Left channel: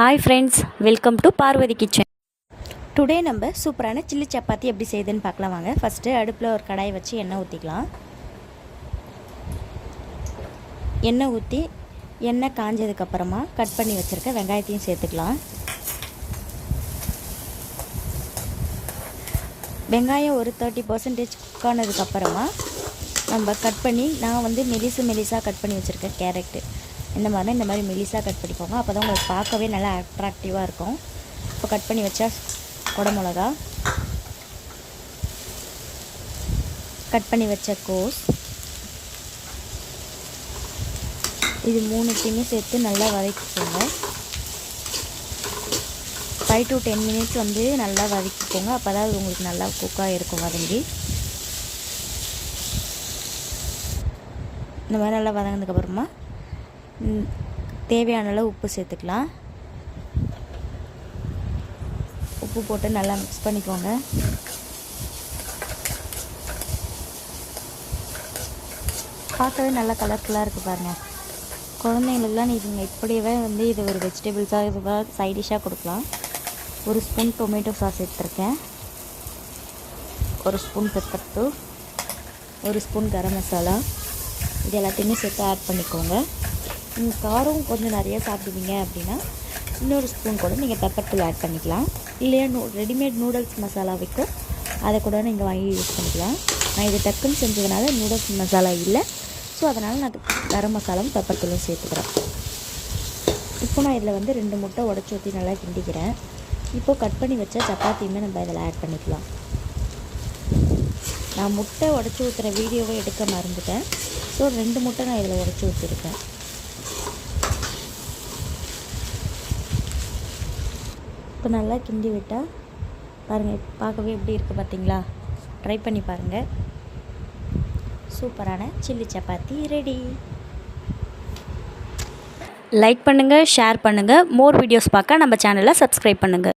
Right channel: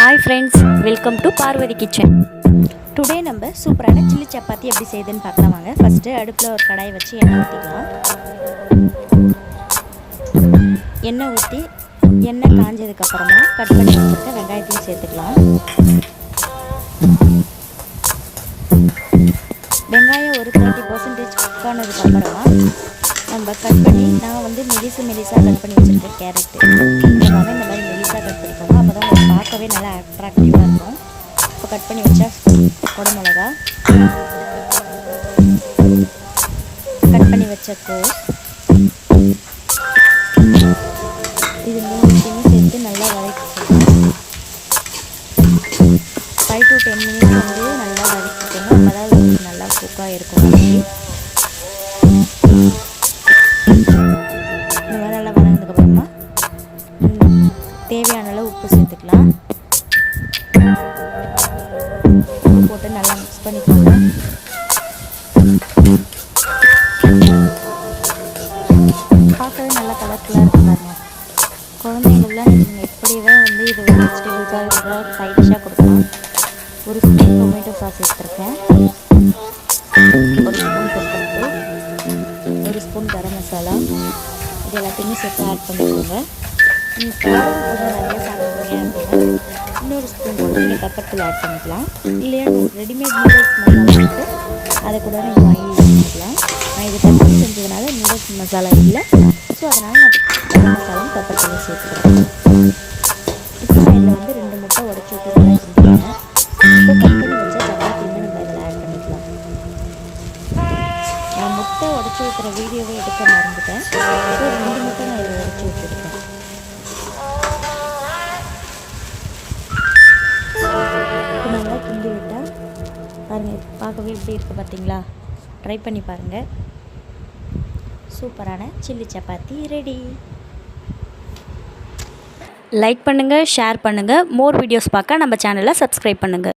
Hi friends, welcome to Parvati Kitchen. Today நம்ம சூப்பரான chilli chapati எப்படி செய்யுதுன்னு பார்க்கலாம் வாங்க. ஃபஸ்ட்டு அடுப்பில் ஒரு கடாய் வச்சு எண்ணெய் ஊற்றிக்கலாம். எண்ணெய் ஊற்றி எண்ணெய் காஞ்சதுக்கப்புறமா கட் பண்ணி வச்சுருக்க வெங்காயத்தையும் சேர்த்துக்கலாம். வெங்காயம் ஒரு 30% குக் ஆனதுக்கப்புறமா நம்ம கட் பண்ணி நான் வந்து மெலிசாக கட் பண்ணி வச்சுருக்கேன் கேரட்டு. இந்த மாதிரி மெலிசாக கட் பண்ணிக்கோங்க. அப்போ தான் உங்களுக்கு பார்க்கவே நல்லா அட்ராக்டிவாக இருக்கும். இப்போ கட் பண்ணி வச்சா குடமிளகா, கட் பண்ணி வச்ச கோஸ், இது மூணுத்தையுமே சேர்த்து நல்லா வதக்கிக்கோங்க. 5 to 10 minutes வந்து நல்லா வதக்கிக்கோங்க. அப்போ தான் உங்களுக்கு நல்லா குக்காக இருக்கும். வதக்கி இந்த மாதிரி நல்லா வதங்கினதுக்கப்புறமா தேவையான அளவு உப்பு சேர்த்துக்கலாம். உப்பு போட்டு நல்லா மிக்ஸ் பண்ணிக்கோங்க. பார்க்கவே நல்லா கலர்ஃபுல்லாக இருக்குது பாருங்கள். குழந்தைங்களுக்குலாம் நீங்கள் எப்படியே வந்து இது ஒரு வெஜிடபிள்ஸாக இதுக்காக சைட் டிஷ்ஷாக கொடுக்கலாம். ஒரு ஸ்பூன் டொமேட்டோ சாஸ் எடுத்துருக்கேன், ஒரு ஸ்பூன் பெப்பர் தூள், ஒரு ஸ்பூன் கரம் மசாலா, இது எல்லாத்தையுமே சேர்த்து ஆட் பண்ணிக்கோங்க. நீங்கள் காரம் கொஞ்சம் நிறைய சாப்பிடுவீங்க அப்படின்னா இன்னொரு ஸ்பூன் கூட நீங்கள் பெப்பர் தூள் ஆட் பண்ணிக்கலாம். இல்லையா ரெடிமேட் நூடுல்ஸ் மசாலா இருக்குது, அதை கூட நீங்கள் வாங்கி யூஸ் பண்ணிக்கலாம். நான் இது டக்குன்னு செஞ்சதுனால நூடுல்ஸ் மசாலா இல்லை, ஸோ அதனால் நான் கரம் மசாலாவும் பெப்பர் தூளும் சேர்த்துக்கிறேன். இப்போ நான் இதில் வந்து 2 முட்டை உடச்சி ஊற்றி நல்லா கிண்டிக்கிறேன். இப்போ கட் பண்ணி வச்ச சப்பாத்தியுமே நம்ம இதில் ஆட் பண்ணிக்கலாம். நான் முட்டை உடச்சி ஊற்றுற வீடியோவை எடுக்க மறந்துட்டேன், ஸோ 2 முட்டை நான் இதில் உடச்சி ஊற்றிருக்கேன். இப்போ நல்லா கிண்டி விட்டால் பாருங்கள், பார்க்கவே எப்படி இருக்குது பார்த்தீங்களா? ட்ரை பண்ணி பாருங்கள். சூப்பரான சில்லி சப்பாத்தி ரெடி. லைக் பண்ணுங்கள், ஷேர் பண்ணுங்கள். மோர் வீடியோஸ் பார்க்க நம்ம சேனலை சப்ஸ்கிரைப் பண்ணுங்கள்.